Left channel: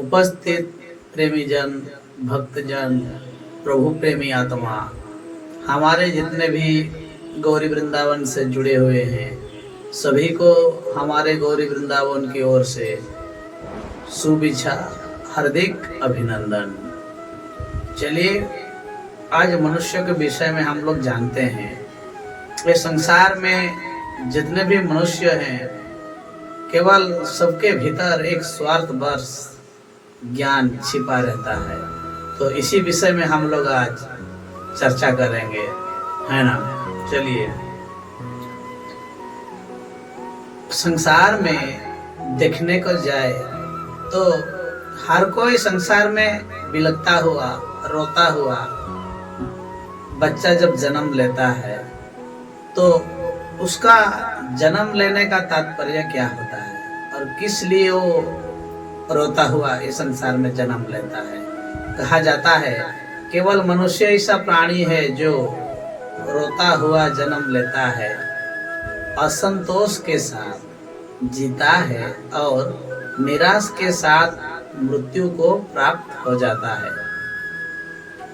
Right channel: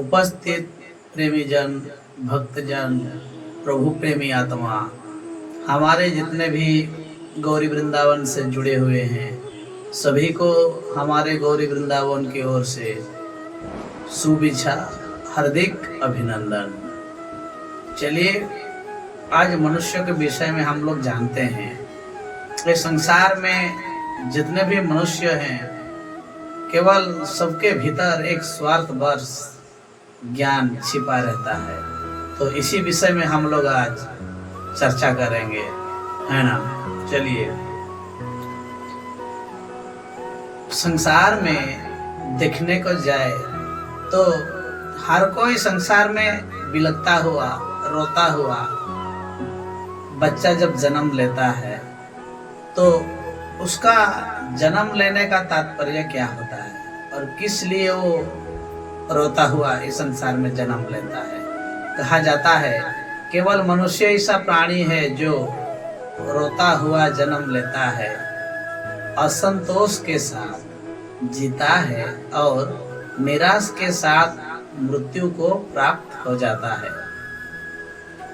उपस्थित प्रेमी जन, भक्तजन, प्रभु प्रेमी आत्मा, हमारे जितने भी गौरी वृंदावन से जुड़े हुए हैं, सभी को हमारे गौरी वृंदावन की ओर से शुभेच्छा, हार्दिक अभिनंदन। चलिए आज मनुष्य के विषय में हम लोग जानते हैं। इस संसार में जितने भी मनुष्य हैं, केवल सबके भीतर एक स्वार्थवश ज्ञान छिपा रहता है। तो इसी विषय में हम लोग आज चर्चा करेंगे, है ना। चलिए, संसार में देखने को जाए तो हर कोई संसार में बिलखता हुआ, रोता हुआ बच्चा जब जन्म लेता है तो उसका जन्म लेने का तात्पर्य क्या होता है और किस लिए वो रोता हुआ इस संसार में जन्म लेता है। कहा जाता है केवल मनुष्य ऐसा प्राणी है जो रोता हुआ जन्म लेता है, असंतोष के साथ जीता है और निराश के साथ मृत्यु को प्राप्त हो जाता है।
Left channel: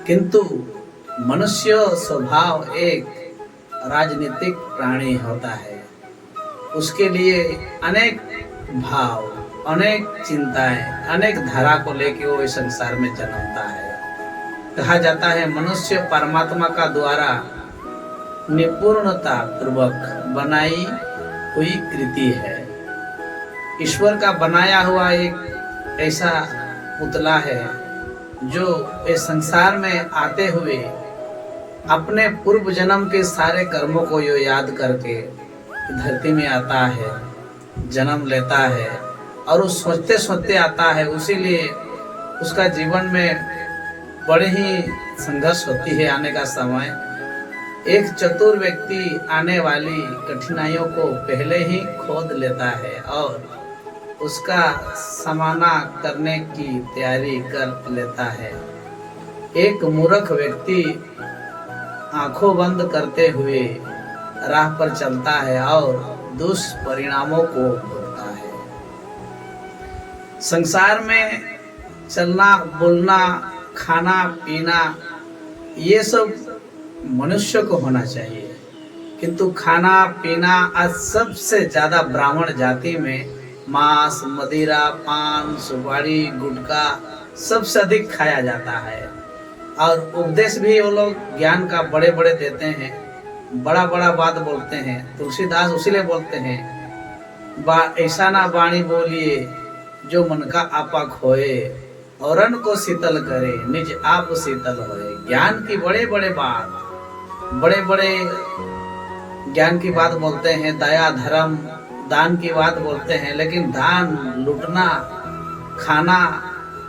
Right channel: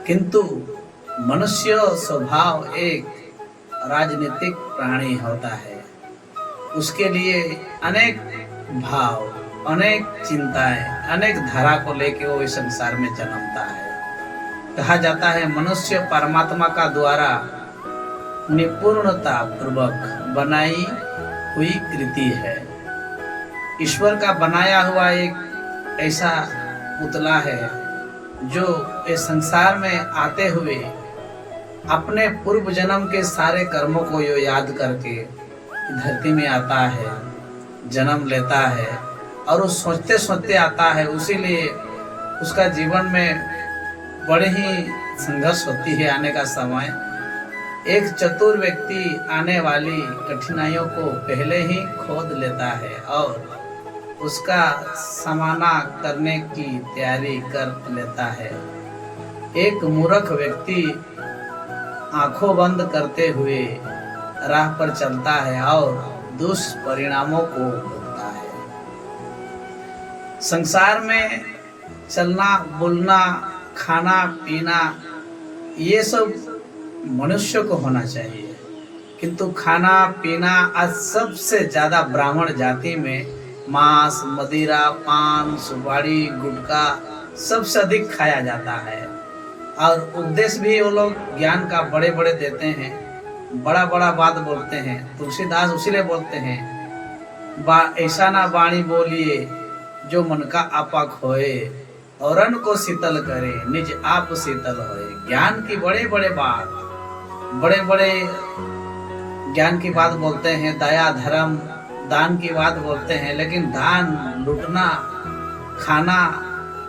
किंतु मनुष्य स्वभाव एक राजनीतिक प्राणी होता है। उसके लिए अनेक भाव, अनेक चिंताएं, अनेक धारा को लेकर वो इस संसार में जन्मता है। कहा जाता है मनुष्य परमात्मा का द्वारा निपुणता पूर्वक बनाई हुई कृति है। ईश्वर का बनाया हुआ एक ऐसा पुतला है जो इस संसार में आते हुए अपने पूर्व जन्म के सारे कर्मों को यो याद करके धरती में आता है, जन्म लेता है और वो सोचते सोचते आता है। उसीलिए उसका जीवन में बड़े ही संघर्ष होती है। आने का समय एक चतुर व्यक्ति आने वाली कठिनाइयों को पहले ही खोद लेता है और उसका सामना करने की तैयारी कर लेता है। एक मूर्ख व्यक्ति आंखों बंद करते हुए राह पर चलता है और दुष्परिणामों को भोगता है। संसार में चलना, बोलना, खाना, पीना, ये सब मनुष्य को होना चाहिए। किंतु खाना पीना आज सबसे ज्यादा ब्राह्मण जाति में मांस, मदिरा, पान, सुपारी, गुटखा सबसे अधिक खाया जाता है। और उपदेश भी वो लोग ज्ञान का बड़े बड़े देते हैं, बड़ा बड़ा बात बोलते हैं। तुलसीदास उसीलिए बोलते हैं ऐसा ना बाणी बोलिए जो मन का आपा खोए, औरन को शीतल करे निज आप शीतल होए। ज्ञान की बड़े बड़े बात, बड़े बड़े ज्ञान की बात बोलते हैं, दया, धर्म, दान की बात बोलते हैं, लेकिन दान, लूटना, खाना,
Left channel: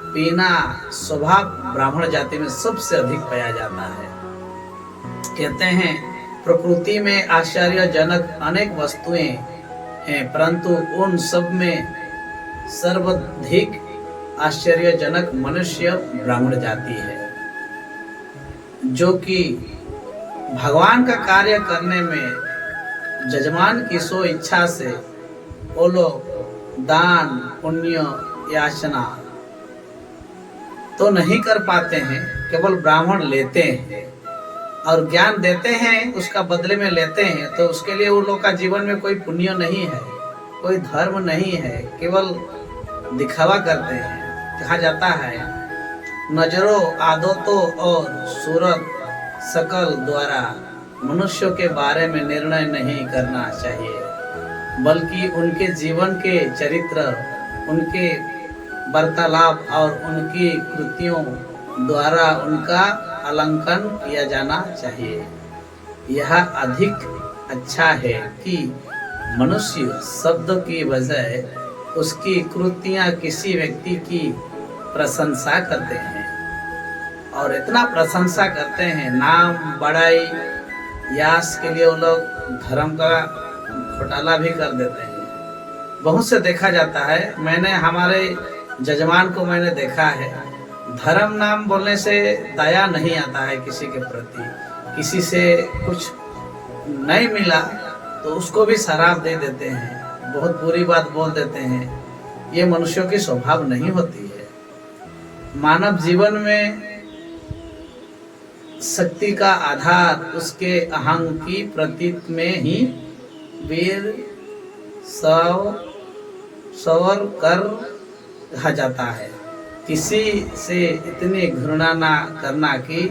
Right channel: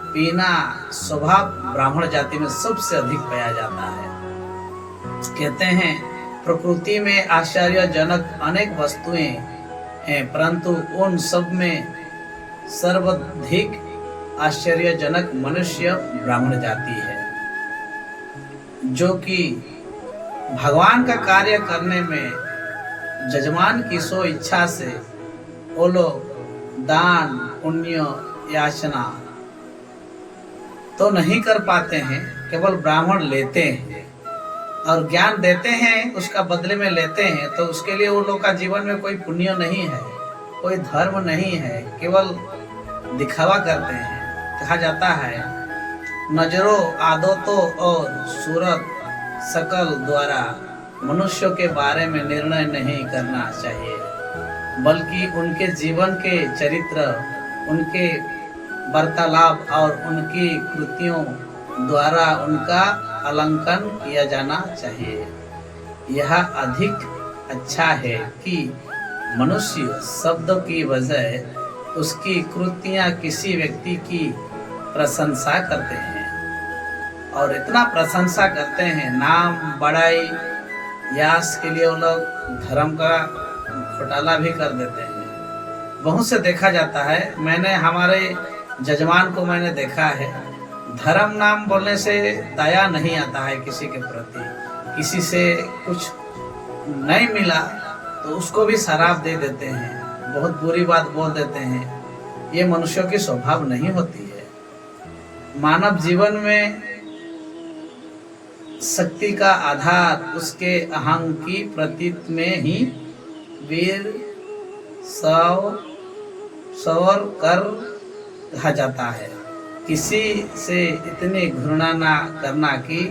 पीना स्वभाव ब्राह्मण जाति में सबसे अधिक पाया जाता है। कहते हैं प्रकृति में आश्चर्यजनक अनेक वस्तुएं हैं, परंतु उन सब में सर्वाधिक आश्चर्यजनक मनुष्य ब्राह्मण जाति है, जो कि भगवान का कार्य करने में जजमान की सो इच्छा से वो लोग दान, पुण्य, याचना तो नहीं कर पाते हैं, केवल ब्राह्मण लेते हैं और ज्ञान देते हैं, उसका बदले में लेते हैं। तो उसके लिए वो लोग का जीवन में कोई पुण्य नहीं है, कोई धर्म नहीं है, केवल दिखावा करते हैं। कहा जाता है नजरों, आदतों और सूरत शकल द्वारा मनुष्यों के बारे में निर्णय नहीं करना चाहिए, बल्कि उनके जीवन के चरित्र, उनके वार्तालाप और उनकी कृतियों द्वारा उनका आकलन किया जाना चाहिए। यह अधिक अच्छा है कि मनुष्य शब्द की बजाय उसकी कृतियां किसी व्यक्ति की प्रशंसा करते हैं और इतना प्रशंसा करते हैं, नाम, बड़ाई, यश के लिए वो लोग धर्म का घोटाला भी कर देते हैं। बहुत से देखा जाता है, मैंने हमारे जजमान को मैंने देखा है, धर्म नाम बोलने से दया नहीं आता है किसी के प्रति। किसी से कुछ नहीं मिला तो उसको भी शराब दे देते हैं, बहुत बुरी बात बोल देते हैं। ये मनुष्यों की स्वभाव नहीं होती है। मानव जीवन में शक्ति का आधार उसके अहं की प्रतीत में ही वीर सवर कर कहा जाता है। किसी से इतनी घृणा ना करना कि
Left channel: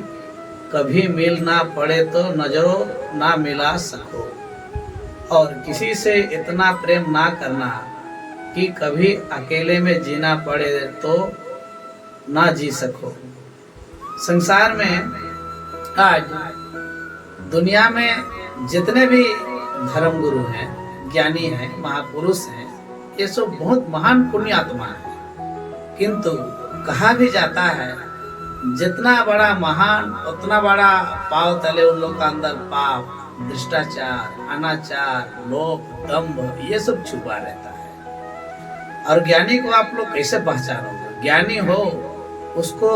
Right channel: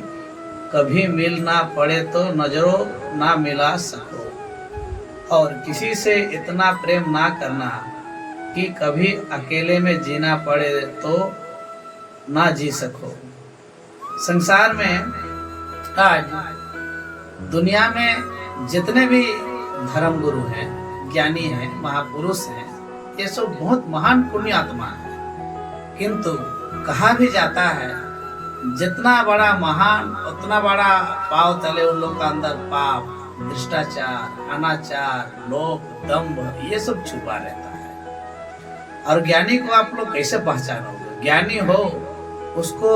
कभी मिल ना पड़े तो नजरों ना मिला सको, और किसी से इतना प्रेम ना करना कि कभी अकेले में जीना पड़े तो ना जी सको। संसार में आज दुनिया में जितने भी धर्म गुरु हैं, ज्ञानी हैं, महापुरुष हैं, ये सब बहुत महान पुण्यात्मा हैं, किंतु कहा भी जाता है जितना बड़ा महान उतना बड़ा पाव तले उन लोग का अंदर पाप, भ्रष्टाचार, अनाचार, लोभ, दंभ ये सब छुपा रहता है। और ज्ञानी को आप लोग कैसे पहचानोगे? ज्ञानी हो उसको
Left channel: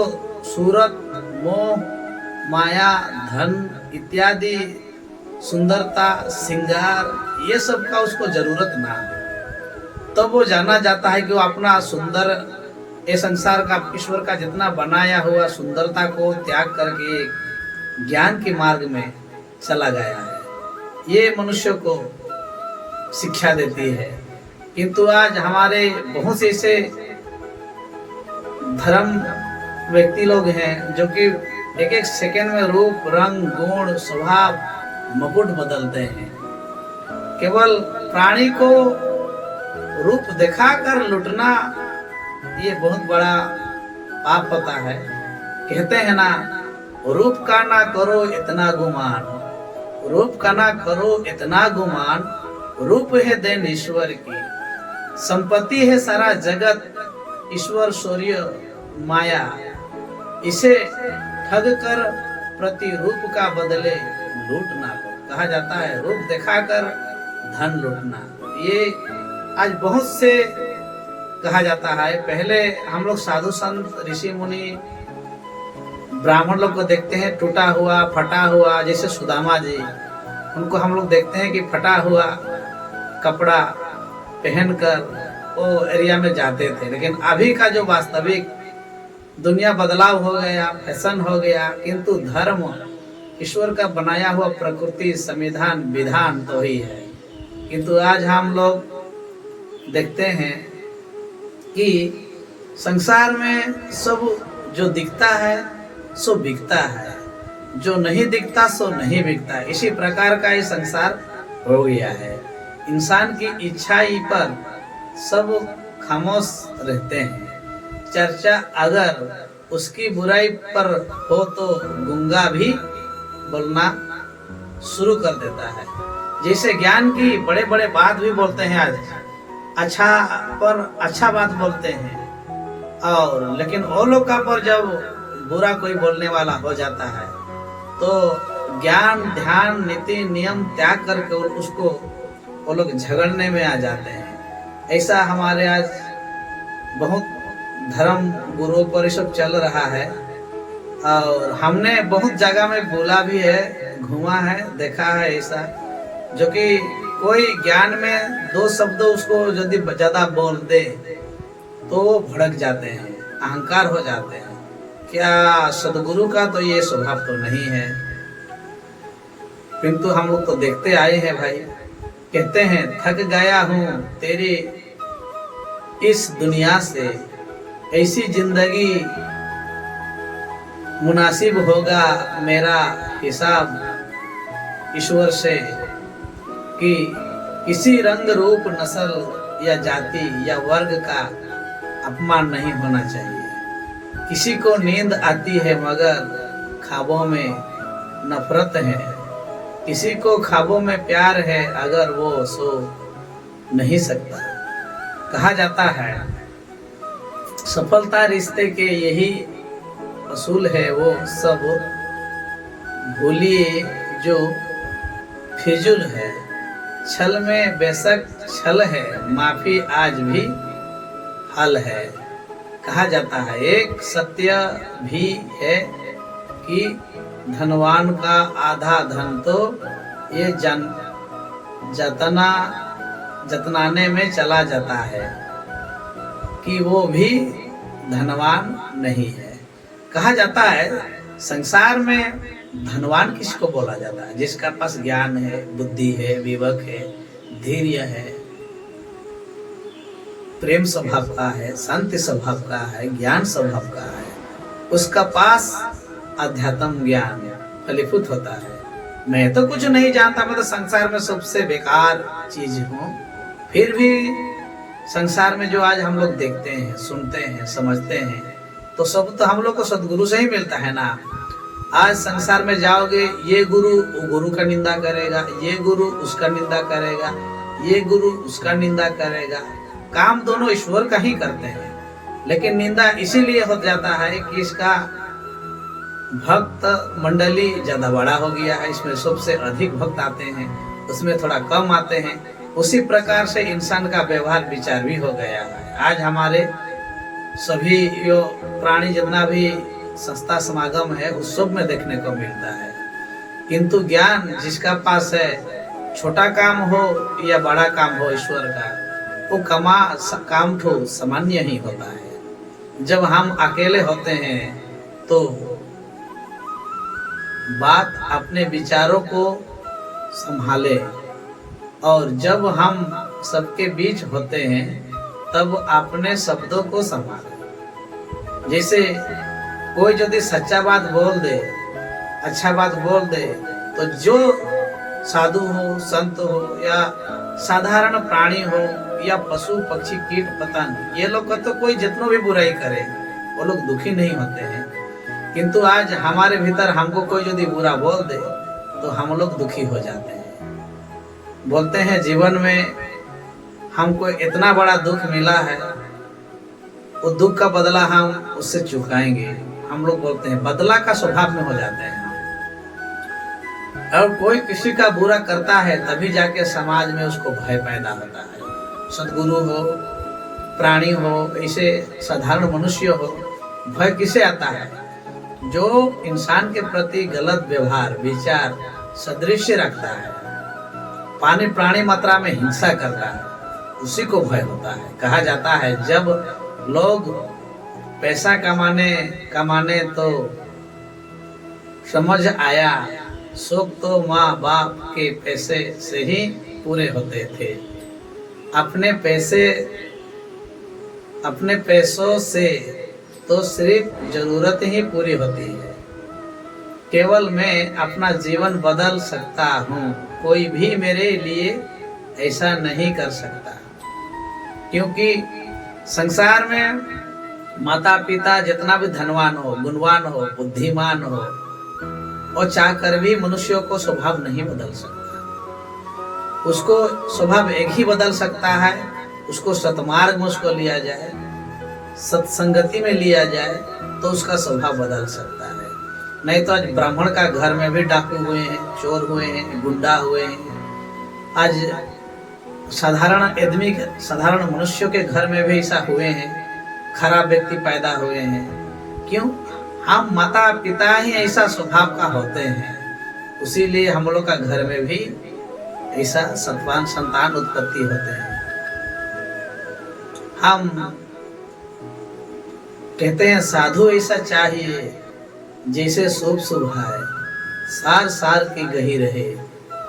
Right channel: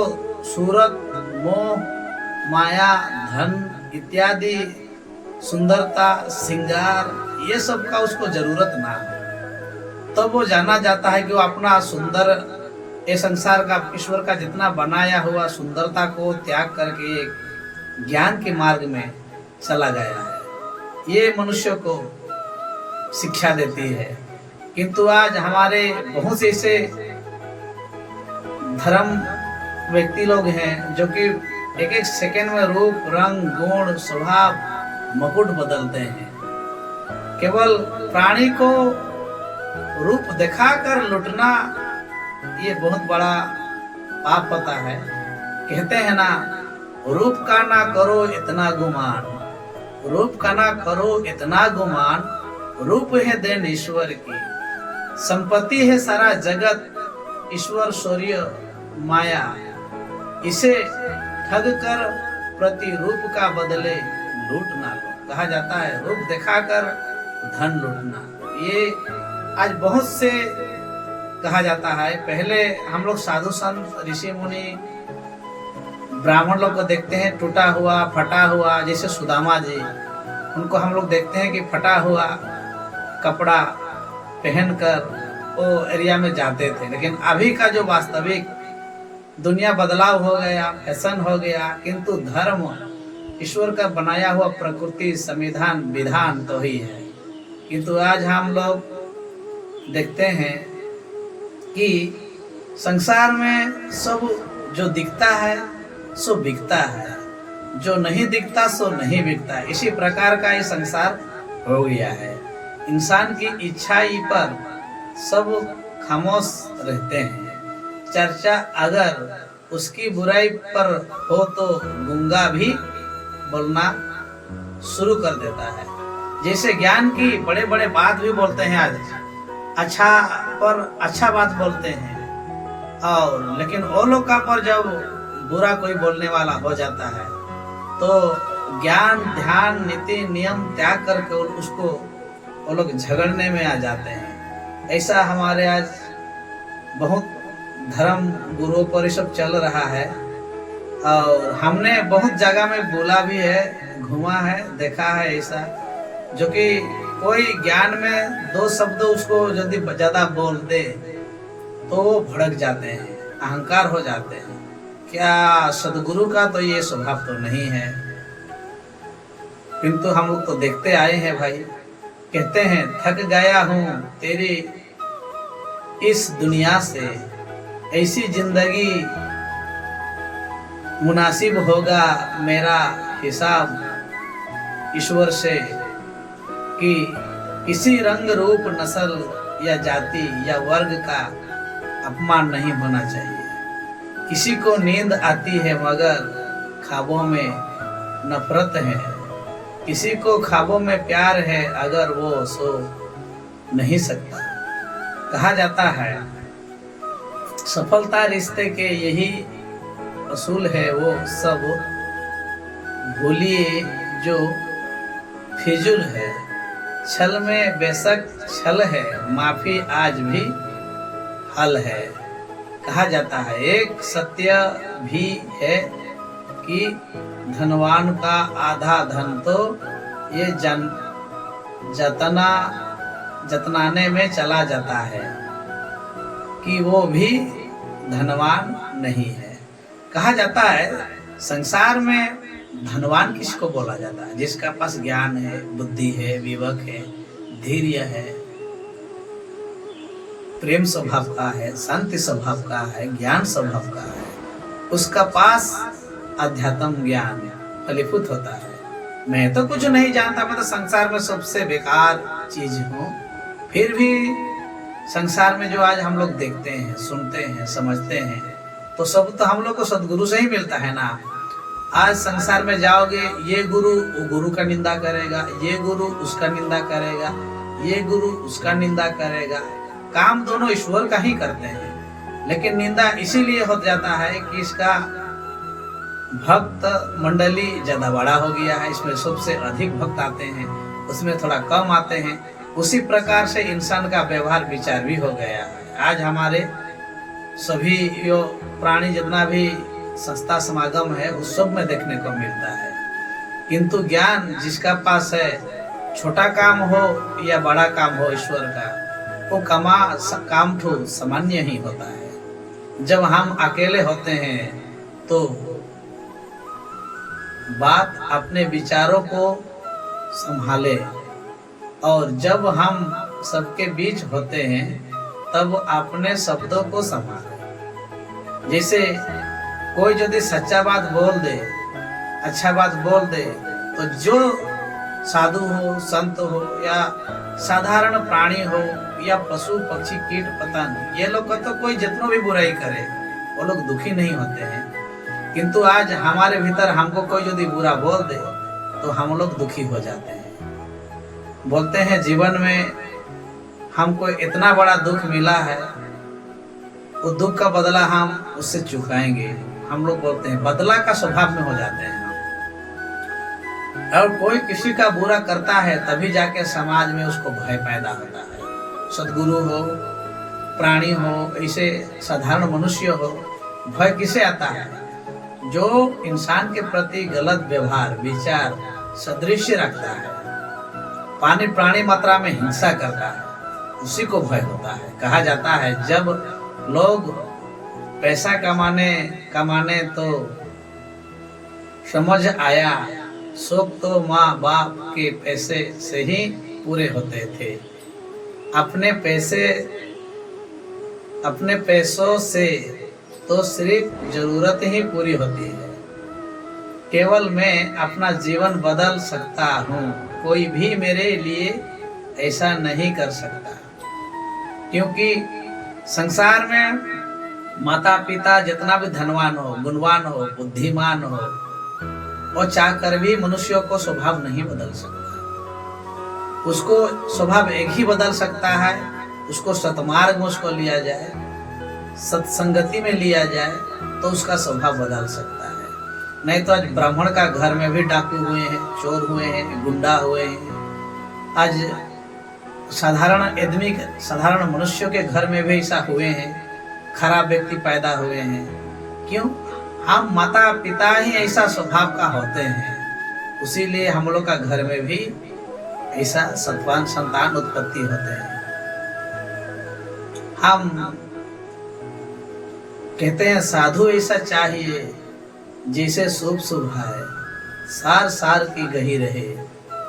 सूरत, मोह, माया, धन इत्यादि सुंदरता, श्रृंगार ये सब का उसको जरूरत ना हो, तब वो जाना जाता है कि वो अपना सुंदर ये संसार का, ईश्वर का जितना बनाया हुआ सुंदरता को त्याग करके एक ज्ञान के मार्ग में चला गया है। ये मनुष्य को शिक्षा देती है। किंतु आज हमारे बहुत से ऐसे धर्म व्यक्ति लोग हैं जो कि एक एक सेकंड में रूप, रंग, गुण, स्वभाव, मुकुट बदलते हैं। केवल प्राणी को रूप दिखाकर लुटना ये बहुत बड़ा पाप होता है। कहते हैं ना, रूप का ना करो इतना गुमान, रूप का ना करो इतना गुमान, रूप है देन ईश्वर की, संपत्ति है सारा जगत, ईश्वर शौर्य माया, इसे ठग कर प्रति रूप का बदले लूट ना लो। कहा जाता है रूप दिखाकर धन लूटना। ये आज बहुत से कहा जाता है। पहले हम लोग साधु संत, ऋषि मुनि, ब्राह्मण लोग को देखते हैं टूटा हुआ, फटा हुआ, जैसे सुदामा जी, उनको हम लोग देखते हैं कि फटा हुआ कपड़ा पहनकर वो एरिया में जाते थे। लेकिन अभी का जो वास्तविक दुनिया बदलाव हो गया, फैशन हो गया, किंतु धर्म, ईश्वर का बनाया हुआ प्रकृति, संविधान, विधान तो ही है। किंतु आज हम लोग देखते हैं कि संसार में सब जो दिखता है सो बिकता है, जो नहीं दिखता सो नहीं बिकता। इसी प्रकार का ये संसार हो गया है। इंसान की इच्छाई पर सब खामोश रहते हैं। चर्चा अगर उसकी बुराई पर हो तो गूंगा भी बोलना शुरू कर देता है। जैसे ज्ञान की बड़े बड़े बात भी बोलते हैं आज, अच्छा पर अच्छा बात बोलते हैं, और लेकिन वो लोग का पर जब बुरा कोई बोलने वाला हो जाता है तो ज्ञान, ध्यान, नीति, नियम त्याग करके उसको वो लोग झगड़ने में आ जाते हैं। ऐसा हमारे आज बहुत धर्म गुरुओं पर सब चल रहा है, और हमने बहुत जगह में बोला भी है, घुमा है, देखा है ऐसा, जो कि कोई ज्ञान में दो शब्द उसको यदि ज्यादा बोल दे तो वो भड़क जाते हैं, अहंकार हो जाते हैं। क्या सदगुरु का तो ये स्वभाव तो नहीं है। किंतु हम लोग तो देखते आए हैं भाई। कहते हैं थक गया हूँ तेरी इस दुनिया से, ऐसी जिंदगी मुनासिब होगा मेरा हिसाब ईश्वर से, कि किसी रंग, रूप, नस्ल या जाति या वर्ग का अपमान नहीं होना चाहिए। किसी को नींद आती है मगर ख्वाबों में नफरत है, किसी को ख्वाबों में प्यार है अगर वो सो नहीं सकता। कहा जाता है सफलता रिश्ते के यही असूल है, वो सब भूलिए जो फिजूल है। छल में बेशक छल है, माफी आज भी हल है। कहा जाता है एक सत्य भी है कि धनवान का आधा धन तो ये जतनाने में चला जाता है, कि वो भी धनवान नहीं है। कहा जाता है संसार में धनवान किसको बोला जाता है? जिसका पास ज्ञान है, बुद्धि है, विवेक है, धैर्य है, प्रेम स्वभाव का है, शांति स्वभाव का है, ज्ञान स्वभाव का है, उसका पास अध्यात्म ज्ञान फलीभूत होता है। मैं तो कुछ नहीं जानता, मैं तो संसार में सबसे बेकार चीज हूँ, फिर भी संसार में जो आज हम लोग देखते हैं, सुनते हैं, समझते हैं, तो सब तो हम लोग को सदगुरु से ही मिलता है ना। आज संसार में जाओगे, ये गुरु वो गुरु का निंदा करेगा, ये गुरु उसका निंदा करेगा, ये गुरु उसका निंदा करेगा। काम दोनों ईश्वर का ही करते हैं, लेकिन निंदा इसीलिए हो जाता है कि इसका भक्त मंडली ज्यादा बड़ा हो गया है, इसमें सबसे अधिक भक्त आते हैं, उसमें थोड़ा कम आते हैं। उसी प्रकार से इंसान का व्यवहार विचार भी हो गया है। आज हमारे सभी यो प्राणी जितना भी संस्था समागम है उस सब में देखने को मिलता है। किंतु ज्ञान जिसका पास है, छोटा काम हो या बड़ा काम हो ईश्वर का, वो काम तो सामान्य ही होता है। जब हम अकेले होते हैं तो बात अपने विचारों को संभाले, और जब हम सबके बीच होते हैं तब अपने शब्दों को संभाले। जैसे कोई यदि सच्चा बात बोल दे, अच्छा बात बोल दे, तो जो साधु हो, संत हो या साधारण प्राणी हो या पशु पक्षी कीट पतंग, ये लोग का तो कोई जितना भी बुराई करे वो लोग दुखी नहीं होते हैं। किंतु आज हमारे भीतर हमको कोई यदि बुरा बोल दे तो हम लोग दुखी हो जाते हैं। बोलते हैं जीवन में हमको इतना बड़ा दुख मिला है, वो दुख का बदला हम उससे चुकाएंगे। हम लोग बोलते हैं बदला का स्वभाव में हो जाते हैं। और कोई किसी का बुरा करता है तभी जाके समाज में उसको भय पैदा होता है। सदगुरु हो, प्राणी हो, ऐसे साधारण मनुष्य हो, भय किसे आता है? जो इंसान के प्रति गलत व्यवहार विचार सदृश्य रखता है, पानी प्राणी मात्रा में हिंसा करता है, उसी को भय होता है। कहा जाता है जब लोग पैसा कमाने तो समझ आया शौक तो माँ बाप के पैसे से ही पूरे होते थे। अपने पैसों से तो सिर्फ जरूरत ही पूरी होती है। केवल मैं अपना जीवन बदल सकता हूँ, कोई भी मेरे लिए ऐसा नहीं कर सकता। क्योंकि संसार में माता पिता जितना भी धनवान हो, गुणवान हो, बुद्धिमान हो, और चाहकर भी मनुष्यों को स्वभाव नहीं बदल सकता। उसको स्वभाव एक ही बदल सकता है, उसको सतमार्ग में उसको लिया जाए, सत्संगति में लिया जाए तो उसका स्वभाव बदल सकता है। नहीं तो आज ब्राह्मण का घर में भी डाकू हुए हैं, चोर हुए हैं, गुंडा हुए हैं। आज साधारण मनुष्यों के घर में भी ऐसा हुए हैं, खराब व्यक्ति पैदा हुए हैं। क्यों? हम माता पिता ही ऐसा स्वभाव का होते हैं, उसीलिए हम लोग का घर में भी ऐसा सत्वान संतान उत्पत्ति होते हैं। हम कहते हैं साधु ऐसा चाहिए जैसे शुभ शुभ है, सार सार की गही रहे,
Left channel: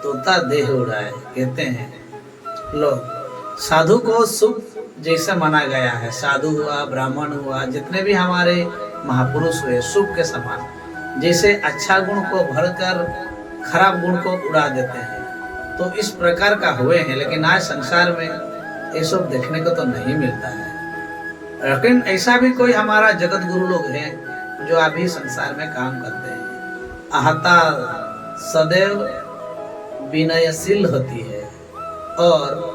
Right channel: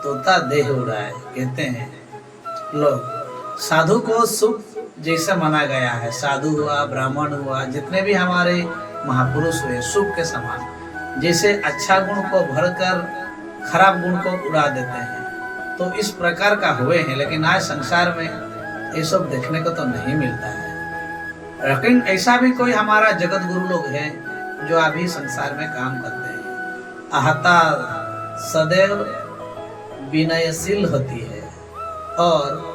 तोता देह उड़ाए। कहते हैं लोग साधु को शुभ जैसा माना गया है। साधु हुआ, ब्राह्मण हुआ, जितने भी हमारे महापुरुष हुए शुभ के समान, जैसे अच्छा गुण को भरकर खराब गुण को उड़ा देते हैं, तो इस प्रकार का हुए हैं। लेकिन आज संसार में ये सब देखने को तो नहीं मिलता है। लेकिन ऐसा भी कोई हमारा जगत गुरु लोग हैं जो अभी संसार में काम करते हैं। आहता सदैव विनयशील होती है और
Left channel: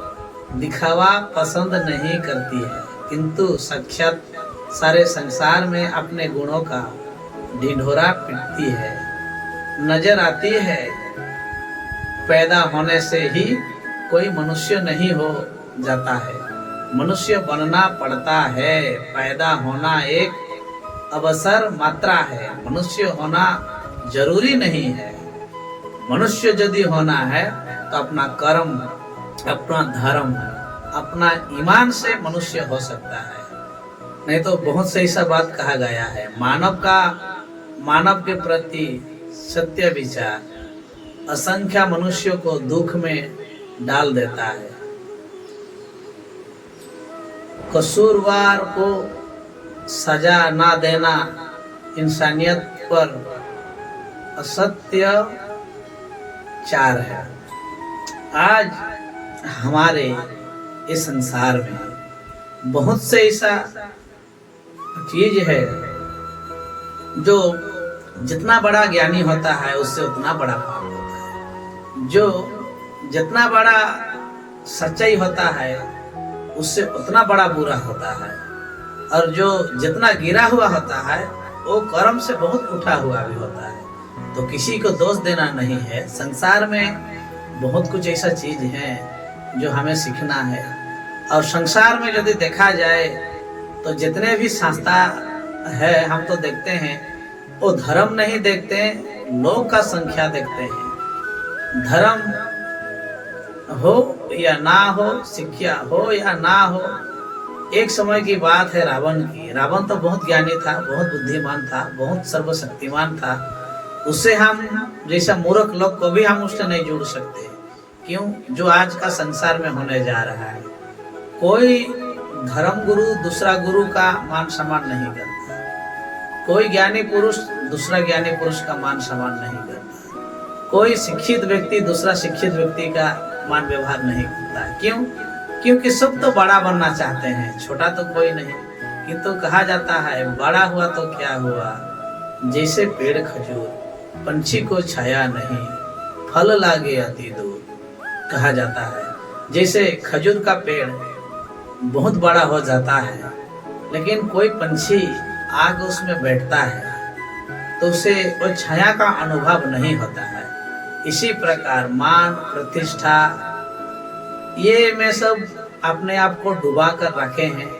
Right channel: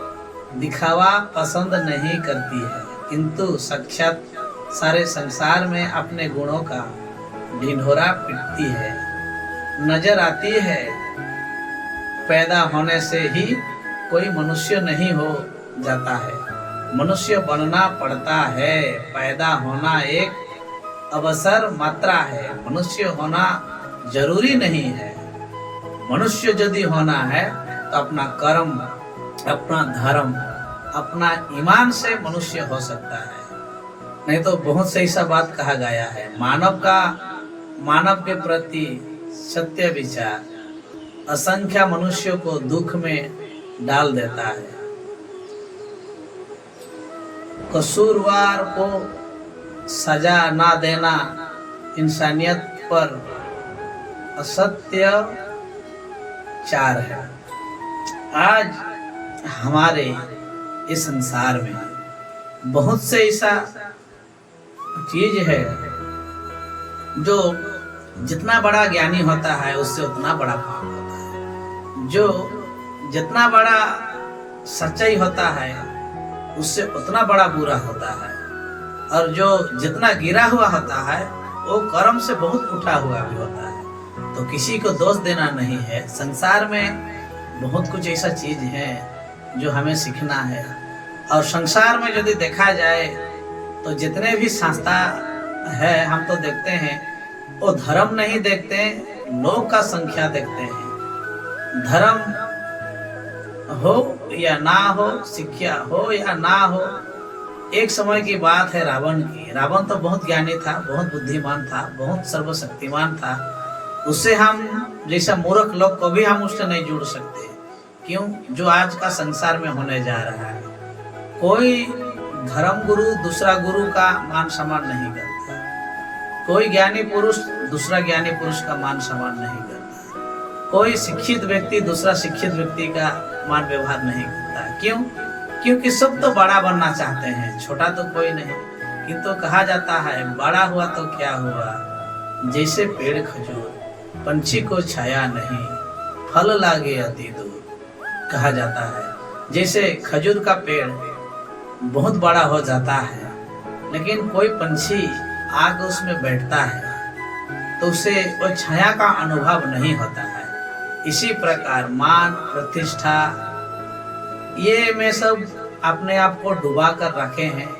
दिखावा पसंद नहीं करती है, किंतु साक्षात सारे संसार में अपने गुणों का ढिंढोरा पीटती है। नजर आती है पैदा होने से ही कोई मनुष्य नहीं हो जाता है, मनुष्य बनना पड़ता है। पैदा होना एक अवसर मात्रा है, मनुष्य होना जरूरी नहीं है। मनुष्य यदि होना है तो अपना कर्म, अपना धर्म, अपना ईमान से मनुष्य हो सकता है। नहीं तो बहुत सही सा बात कहा गया है, मानव के प्रति सत्य विचार असंख्य मनुष्यों को दुख में डाल देता है। कसूरवार को सजा ना देना इंसानियत पर असत्य चार है। आज हमारे इस संसार में बहुत से ऐसा चीज है जो जितना बड़ा ज्ञानी होता है उससे उतना बड़ा पाप होता है, जो जितना बड़ा सच्चाई होता है उससे उतना बड़ा बुरा होता है, और जो जितना गिरा हुआ होता है वो कर्म से बहुत उठा हुआ भी होता है। तो किसी को दोष देना नहीं है। संसार में बहुत कुछ ऐसा चीज है जो हमें सीखना है। और संसार में यदि देखा जाए तो जितने भी संस्था है हम तो देखते हैं वो धर्म नहीं देखते, लोग का संख्या देखते हैं। धर्म हो या ना हो, शिक्षा हो या ना हो, एक समय की बात है रावण की। रावण तो बहुत ज्ञानी था, बहुत बुद्धिमान था, बहुत सर्वशक्तिमान था। उससे हम जैसा मूर्ख लोग को भी हम उससे नहीं जुड़ सकते। क्यों? जो आज का संसार में होने जा रहा है। कोई धर्म गुरु दूसरा गुरु का मान सम्मान नहीं करता, कोई ज्ञानी पुरुष दूसरा ज्ञानी पुरुष का मान सम्मान नहीं करता, कोई शिक्षित व्यक्ति दूसरा शिक्षित व्यक्ति का मान व्यवहार नहीं करता। क्यों? क्योंकि सब तो बड़ा बनना चाहते हैं, छोटा तो कोई नहीं। किंतु कहा जाता है बड़ा हुआ तो क्या हुआ, जैसे पेड़ खजूर पंछी को छाया नहीं, फल लागे अति दूर। कहा जाता है जैसे खजूर का पेड़ बहुत बड़ा हो जाता है, लेकिन कोई पंछी आग उसमें बैठता है तो उसे वो छाया का अनुभव नहीं होता है। इसी प्रकार मान प्रतिष्ठा ये में सब अपने आप को डुबा कर रखे हैं।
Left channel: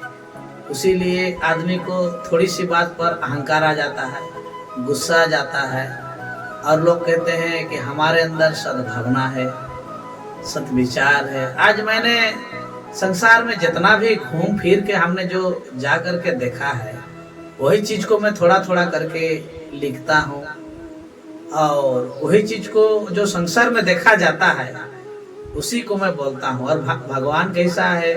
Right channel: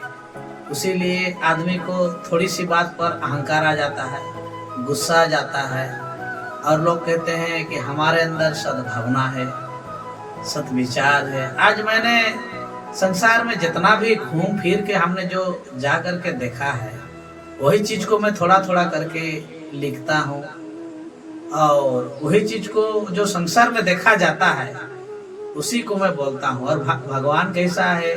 उसीलिए आदमी को थोड़ी सी बात पर अहंकार आ जाता है, गुस्सा आ जाता है, और लोग कहते हैं कि हमारे अंदर सद्भावना है, सद्विचार है। आज मैंने संसार में जितना भी घूम फिर के हमने जो जा करके देखा है वही चीज को मैं थोड़ा थोड़ा करके लिखता हूँ, और वही चीज को जो संसार में देखा जाता है उसी को मैं बोलता हूँ। और भगवान कैसा है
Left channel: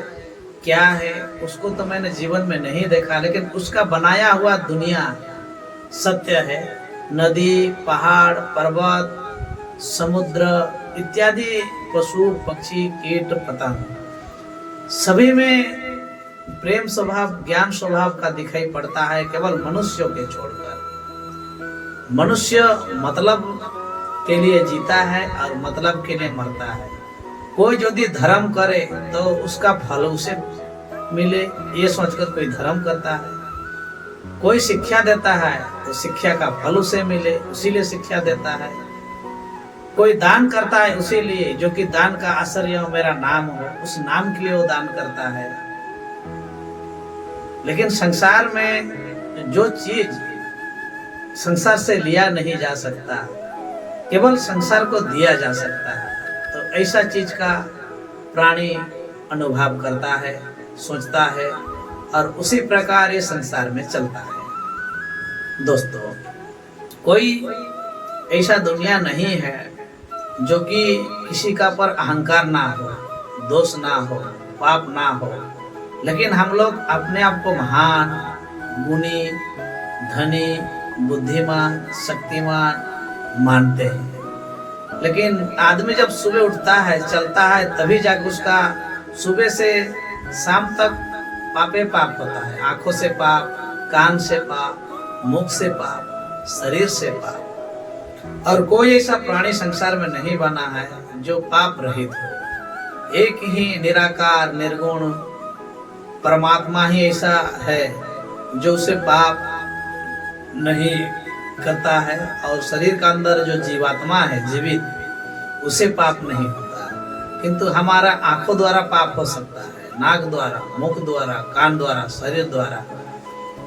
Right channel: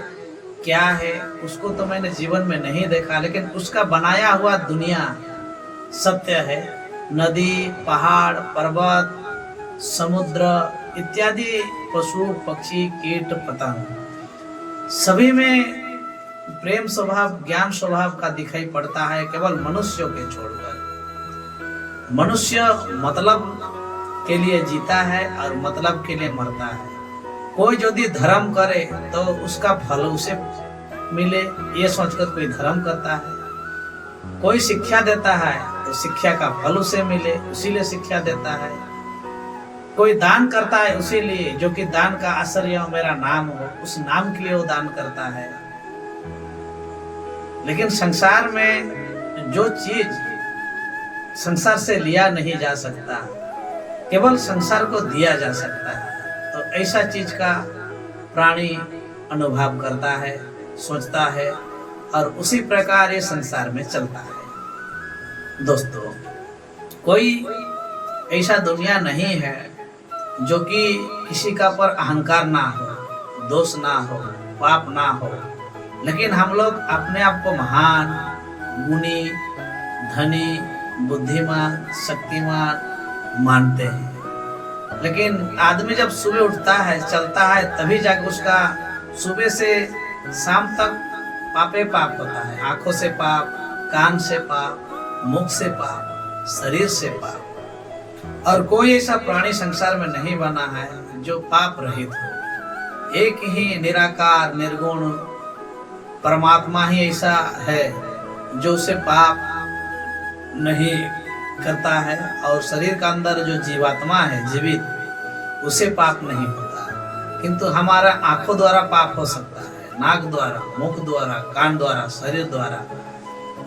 क्या है उसको तो मैंने जीवन में नहीं देखा, लेकिन उसका बनाया हुआ दुनिया सत्य है। नदी, पहाड़, पर्वत, समुद्र इत्यादि पशु पक्षी कीट पतंग सभी में प्रेम स्वभाव ज्ञान स्वभाव का दिखाई पड़ता है, केवल मनुष्यों के छोड़कर। मनुष्य मतलब के लिए जीता है और मतलब के लिए मरता है। कोई यदि धर्म करे तो उसका फल उसे मिले ये सोचकर कोई धर्म करता है, कोई शिक्षा देता है तो शिक्षा का फल उसे मिले उसीलिए शिक्षा देता है, कोई दान करता है उसीलिए जो कि दान का असर यह मेरा नाम हो, उस नाम के लिए वो दान करता है। लेकिन संसार में जो चीज संसार से लिया नहीं जा सकता केवल संसार को दिया जा सकता है, तो ऐसा चीज का प्राणी अनुभव करता है, सोचता है, और उसी प्रकार ये संसार में चलता है। दोस्तों, कोई ऐसा दुनिया नहीं है जो कि किसी का पर अहंकार ना हो, दोष ना हो, पाप ना हो, लेकिन हम लोग अपने आप को महान, गुणी, धनी, बुद्धिमान, शक्तिमान मानते हैं। लेकिन आदमी जब सुबह उठता है, चलता है, तभी जाकर उसका सुबह से शाम तक पापे पाप होता है। आंखों से पाप, कान से पाप, मुख से पाप, शरीर से पाप। और कोई ऐसा प्राणी संसार में नहीं बना है जो पाप रहित हो। एक ही निराकार निर्गुण परमात्मा ही ऐसा है जो उसे पाप नहीं करता है, और शरीर का अंदर जो जीवात्मा है जीवित उसे पाप नहीं होता। किंतु हमारा आंखों द्वारा पाप हो सकता है, नाक द्वारा, मुख द्वारा, कान द्वारा, शरीर द्वारा।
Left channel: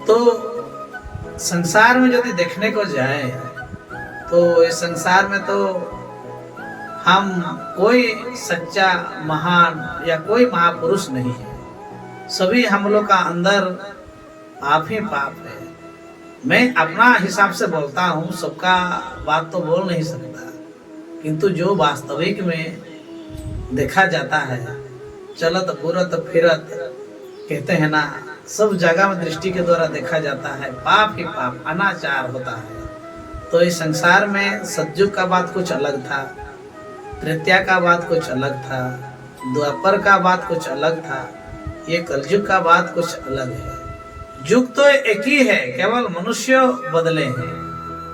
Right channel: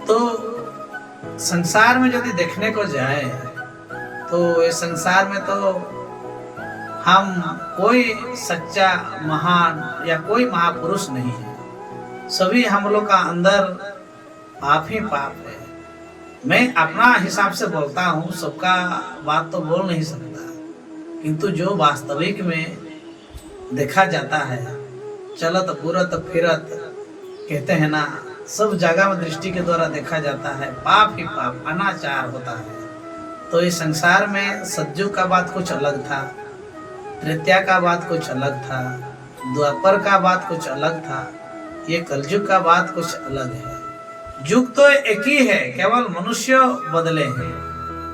तो संसार में यदि देखने को जाए तो इस संसार में तो हम कोई सच्चा महान या कोई महापुरुष नहीं है। सभी हम लोग का अंदर पाप ही पाप है। मैं अपना हिसाब से बोलता हूँ, सबका बात तो बोल नहीं सकता, किंतु जो वास्तविक में देखा जाता है, चलत बुरत फिरत कहते हैं ना, सब जगह में दृष्टि के द्वारा देखा जाता है, पाप ही पाप अनाचार होता है। तो इस संसार में सतयुग का बात कुछ अलग था, त्रेता का बात कुछ अलग था, द्वापर का बात कुछ अलग था, ये कलयुग का बात कुछ अलग है। युग तो एक ही है, केवल मनुष्य बदले हैं।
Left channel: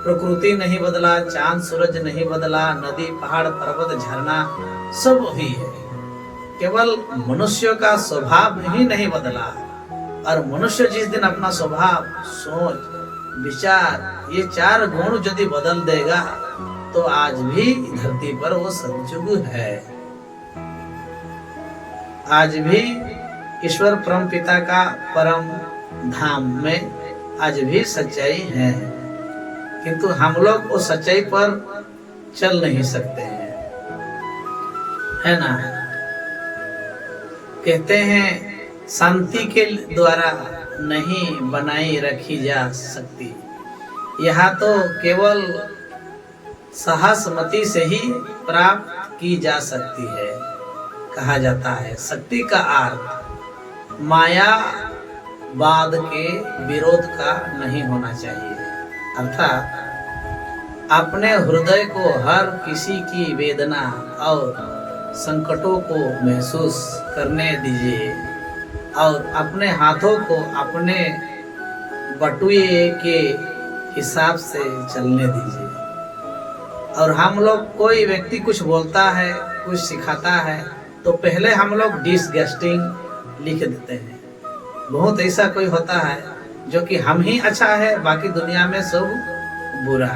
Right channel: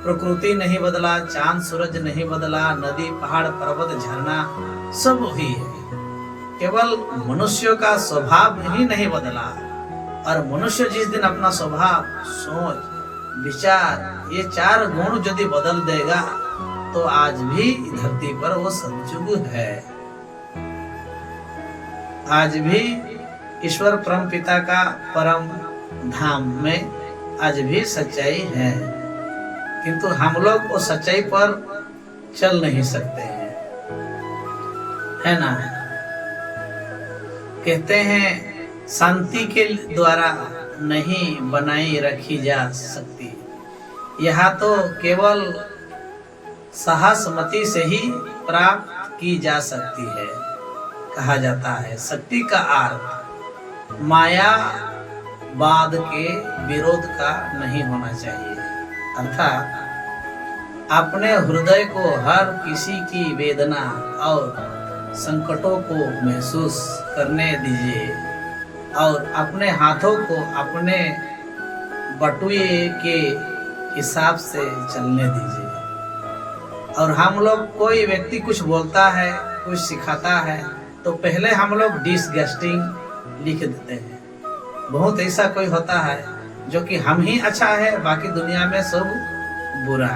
प्रकृति नहीं बदला, चांद सूरज नहीं बदला, नदी पहाड़ पर्वत झरना सब वही है, केवल मनुष्य का स्वभाव ही नहीं बदला। और मनुष्य जिस दिन अपना स्वभाव, सोच, विचार, ये 4 गुण यदि बदल देगा तो आज भी धरती पर वो सतयुग है। आज भी ईश्वर परम पिता का परम धाम में आज भी सच्चाई है, किंतु हम लोग वो सच्चाई पर चल नहीं सकते हैं, है ना। कहते हैं शांति के द्वारा नहीं बनाई रखी जा सकती, यह तो केवल सहस्मति से ही प्राप्त की जा सकती है। कहा जाता है शक्ति का अर्थ माया वाद के विरोध का नहीं होना चाहिए, अर्थात अपने हृदय को हर किसी की वेदना और संकटों को महसूस करने दीजिए और अपने हाथों को अपने बटुए के हिसाब से चलने दीजिए। और हम लोग, कोई व्यक्ति कुछ बोलता है, कुछ सिखाता है, तो पहले हम लोग डिसगस्टिंग लिख देते हैं। बहुत ऐसा कोई होता है जो कि हम ही अच्छा है, बाकी दुनिया में सब बुरा।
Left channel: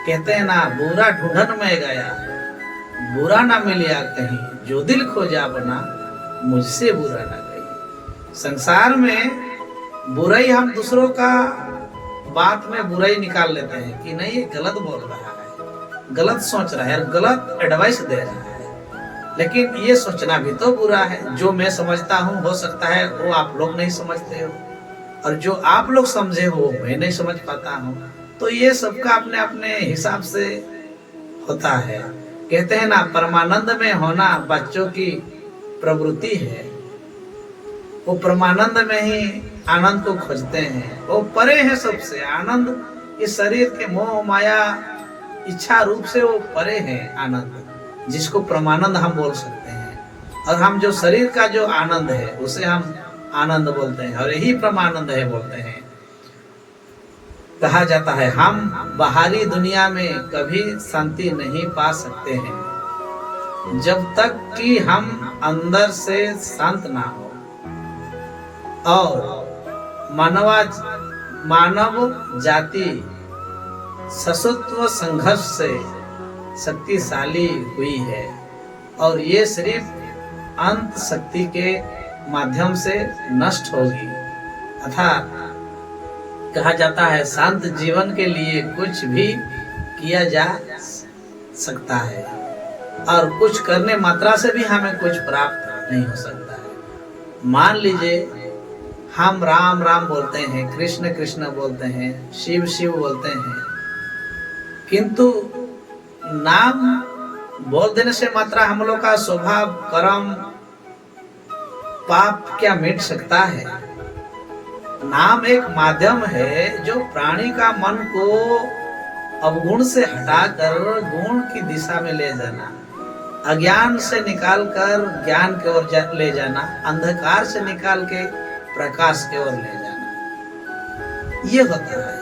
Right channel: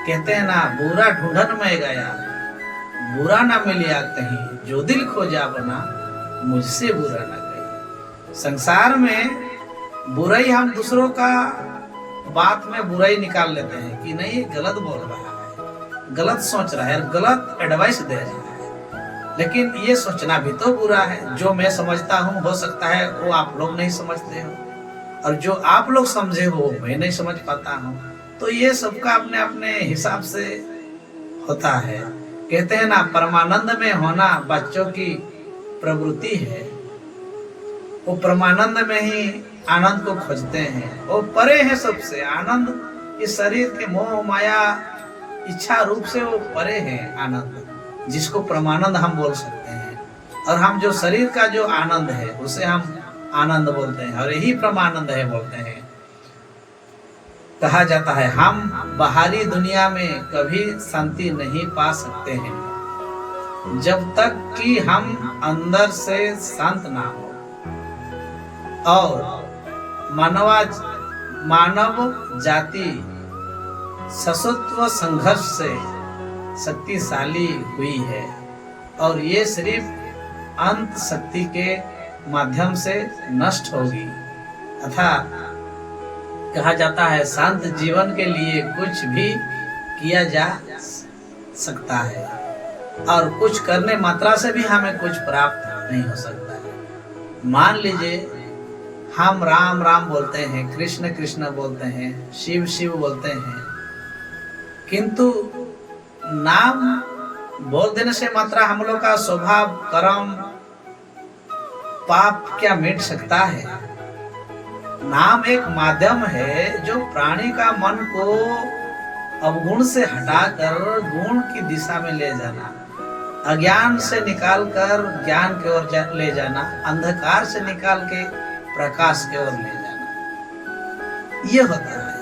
कहते हैं ना, बुरा ढूंढन में गया, बुरा ना मिलिया कहीं, जो दिल खोजा बना, मुझसे बुरा ना कहीं। संसार में बुराई, हम दूसरों का बात में बुराई निकाल लेते हैं कि नहीं ये गलत बोल रहा है, गलत सोच रहा है, गलत एडवाइस दे रहा है, लेकिन ये सोचना भी तो बुरा है। जो मैं समझता हूँ, हो सकता है वो आप लोग नहीं समझते हो, और जो आप लोग समझे हो मैं नहीं समझ पाता हूँ। तो ये सबका अपने अपने हिसाब से होता है। कहते हैं ना, परमानंद में होना बच्चों की प्रवृत्ति है, वो परमानंद में ही आनंद को खोजते हैं, वो परे है सबसे। आनंद इस शरीर के मोह माया इच्छा रूप से वो परे है आनंद, जिसको परमानंद हम बोल सकते हैं। और हम जो शरीर का जो आनंद है उसे हम आनंद बोलते हैं, और यही परमानंद है बोलते हैं। कहा जाता है हम बाहरी दुनिया में कभी शांति नहीं पा सकते हैं जब तक कि हम अंदर से शांत ना हो। और मानव जाति सशस्त्र संघर्ष से शक्तिशाली हुई है, और ये सिर्फ अंत शक्ति के माध्यम से नष्ट होगी। अर्थात कहा जाता है शांत जीवन के लिए कुछ भी किया जा सकता है, और कुछ करने मात्रा से भी हमें कुछ प्राप्त नहीं हो सकता है। मान लीजिए हम राम राम बोलते हैं, कृष्ण कृष्ण बोलते हैं, शिव शिव बोलते हैं, किंतु नाम बोल देने से मात्रा हम लोग का स्वभाव, कर्म, पाप क्या मिट सकता है? नाम एक माध्यम है जो प्राणी का मन को अवगुण से हटाकर गुण की दिशा में ले जाना, अज्ञान से निकालकर ज्ञान की ओर ले जाना, अंधकार से निकाल के प्रकाश की ओर ले जाना, ये होता है।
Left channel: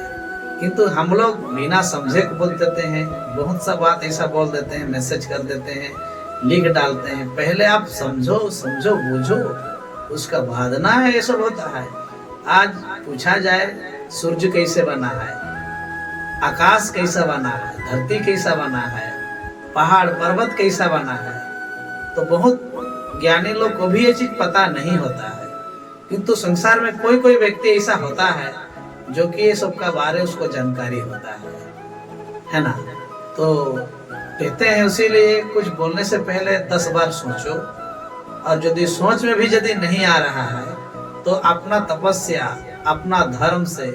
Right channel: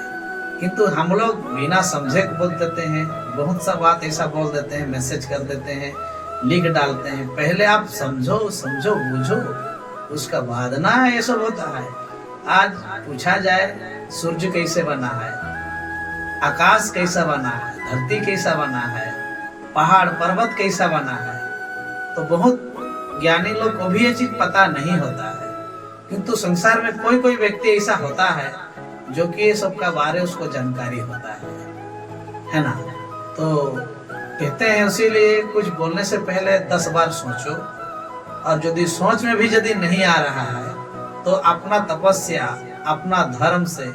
किंतु हम लोग बिना समझे को बोल देते हैं, बहुत सा बात ऐसा बोल देते हैं, मैसेज कर देते हैं, लिख डालते हैं। पहले आप समझो समझो बूझो, उसका बाद ना ये सब होता है। आज पूछा जाए सूर्य कैसे बना है, आकाश कैसा बना है, धरती कैसा बना है, पहाड़ पर्वत कैसा बना है, तो बहुत ज्ञानी लोग को भी ये चीज पता नहीं होता है। किंतु संसार में कोई कोई व्यक्ति ऐसा होता है जो कि ये सब का बारे उसको जानकारी होता है ना। तो कहते हैं इसीलिए कुछ बोलने से पहले 10 बार सोचो, और यदि सोच में भी यदि नहीं आ रहा है तो अपना तपस्या अपना धर्म से,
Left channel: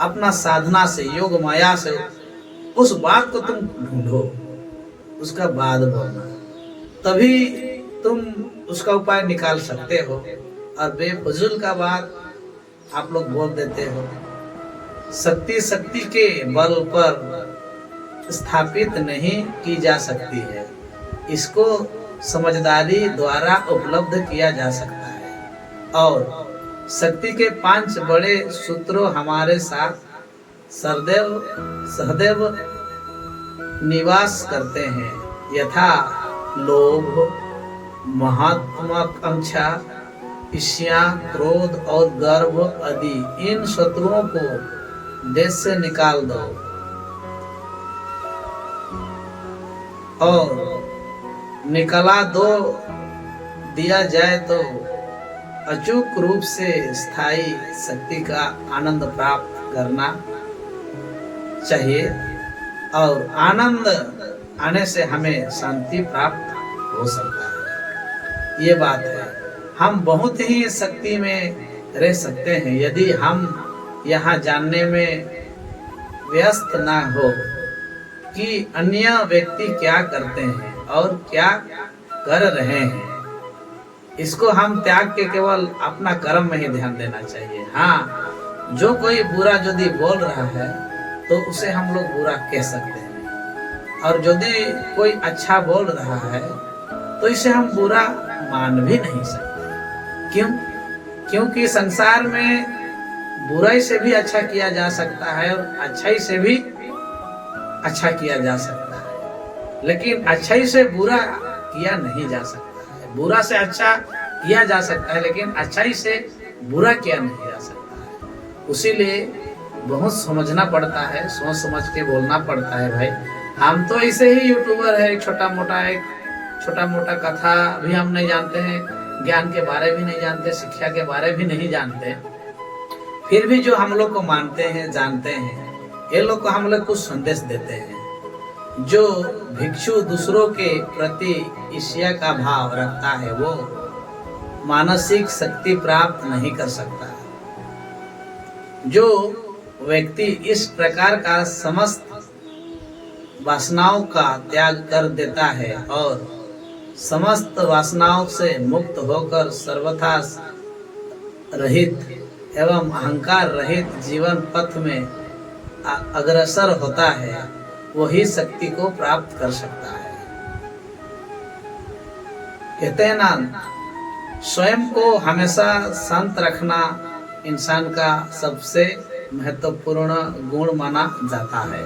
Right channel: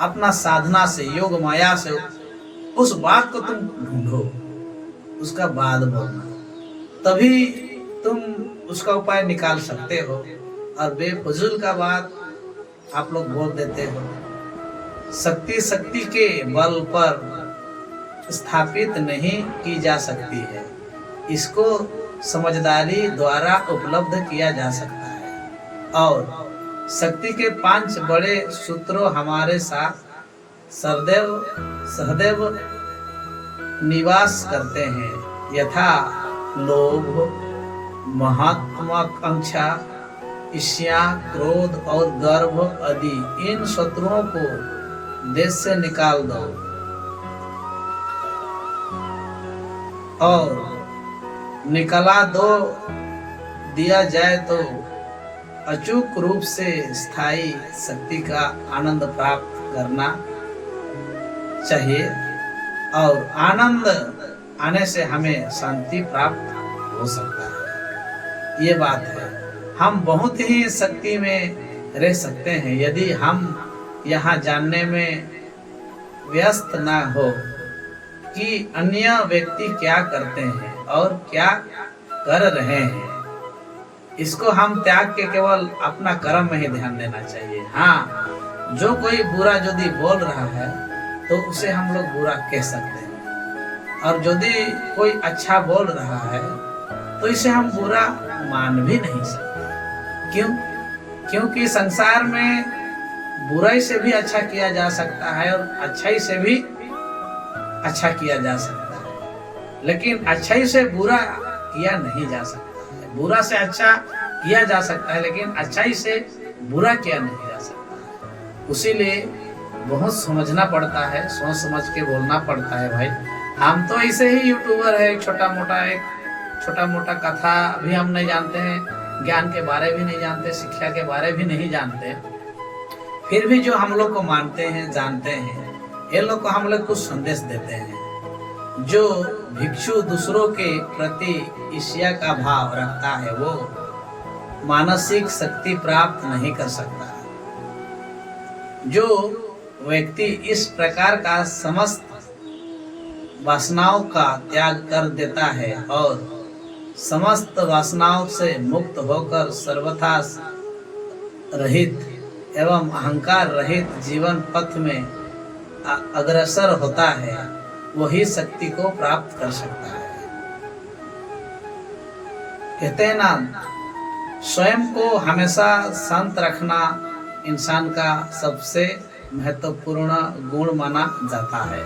अपना साधना से, योग माया से उस बात को तुम ढूंढो, उसका बाद बोलना, तभी तुम उसका उपाय निकाल सकते हो। और बेफजूल का बात आप लोग बोल देते हो। शक्ति शक्ति के बल पर स्थापित नहीं की जा सकती है, इसको समझदारी द्वारा उपलब्ध किया जा सकता है। और शक्ति के 5 बड़े सूत्रों हमारे साथ सहदैव निवास करते हैं, यथा लोभ, महत्वाकांक्षा, ईर्ष्या, क्रोध और गर्व आदि। इन शत्रुओं को देश से निकाल दो और निकला दो दिया जाए तो अचूक रूप से स्थायी शक्ति का आनंद प्राप्त करना चाहिए। और आनंद आने से हमें शांति प्राप्त हो सकता है। ये बात है। हम बहुत ही शक्ति में रह सकते हैं यदि हम यहाँ जानने में व्यस्त ना हो कि अन्य व्यक्ति क्या करते हैं और क्या कर रहे हैं। इसको हम त्याग के केवल अपना कर्म में ही ध्यान देना चाहिए। हाँ, जो कोई बुरा यदि बोल रहा है तो उसे हम लोग बुरा कह सकते हैं, और यदि कोई अच्छा बोल रहा है तो इसे हम बुरा मान भी नहीं सकते। क्यों? क्योंकि संसार में बुराई से भी अच्छा किया जा सकता है और अच्छाई से भी अच्छा किया जा सकता है, लेकिन अच्छाई से बुरा किया नहीं जा सकता है। बुरा से अच्छा किया जा सकता है, लेकिन अच्छाई से बुरा किया नहीं जा सकता है। उसीलिए बहुत समझना पड़ता है, सोच समझ के बोलना पड़ता है। भाई, हम तो ऐसे ही यूट्यूबर है, एक छोटा मोटा कथा भी हम नहीं जानते हैं, ज्ञान के बारे भी नहीं जानते, शिक्षा के बारे भी नहीं जानते, फिर भी जो हम लोग को मानते हैं, जानते हैं, ये लोग को हम लोग कुछ संदेश देते हैं। जो भिक्षु दूसरों के प्रति ईर्ष्या का भाव रखता है वो मानसिक शक्ति प्राप्त नहीं कर सकता। जो व्यक्ति इस प्रकार का समस्त वासनाओं का त्याग कर देता है और समस्त वासनाओं से मुक्त होकर सर्वथा रहित एवं अहंकार रहित जीवन पथ में अग्रसर होता है, वही शक्ति को प्राप्त कर सकता है। कहते हैं ना, स्वयं को हमेशा शांत रखना इंसान का सबसे महत्वपूर्ण गुण माना जाता है।